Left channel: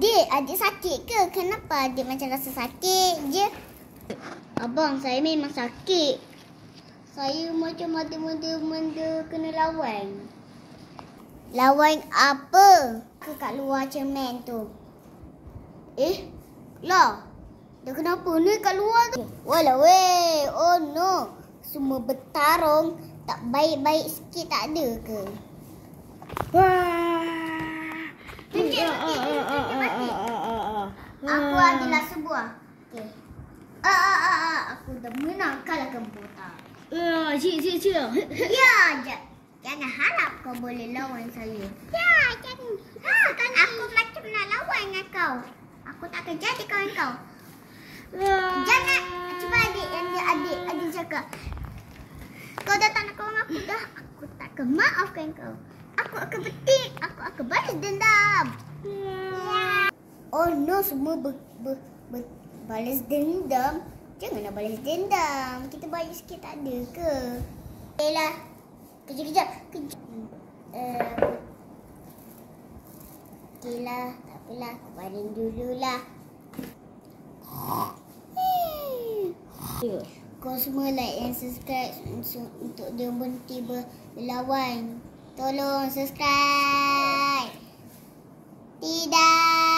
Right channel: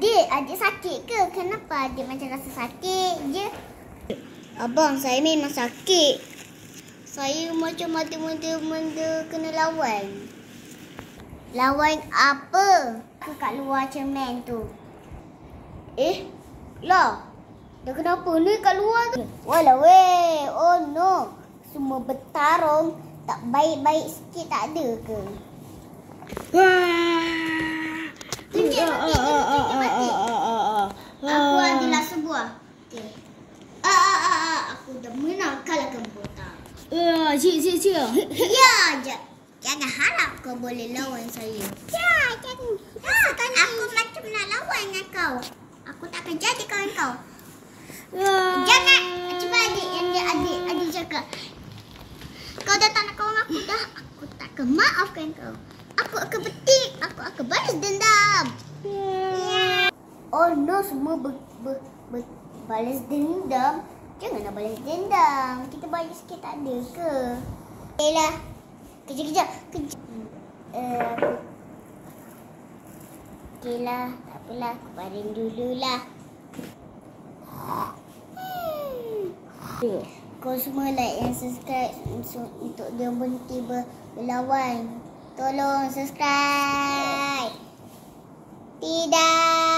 Adik sakit ke? Kenapa adik macam rasa sakit je? Abang, saya memang sakit. Saya macam ada benda kena lawan. Lawan apa? Kat luar cermin tu. Lah. Dah kenapa ni kat luar tu? Walah weh. Oh no. Semua bertarung. Tak baik-baik sikit tak ada ke? Tunjuk batik. Aku adalah sebuah. Aku dah menang kalahkan botak. Cik. Ya, jangan harap kau boleh lawan saya. Ya, jangan. Aku macam nak lawan dengan kau. Aku tak akan jadi kawan kau. Jangan. Cuba adik cakap. Kau dah tak nak kawan aku dah. Aku tak akan maafkan kau. Aku akan petik. Aku akan balas dendam. Oh no, semua balas dendam. Janganlah balas dendam. Kita balik sikit tak ada ke? Okeylah. Kejap. Okeylah, tak apalah. Aku baring dululah. Kau semua like dan subscribe untuk dia berhenti berlawan. Tolong subscribe. Tidak.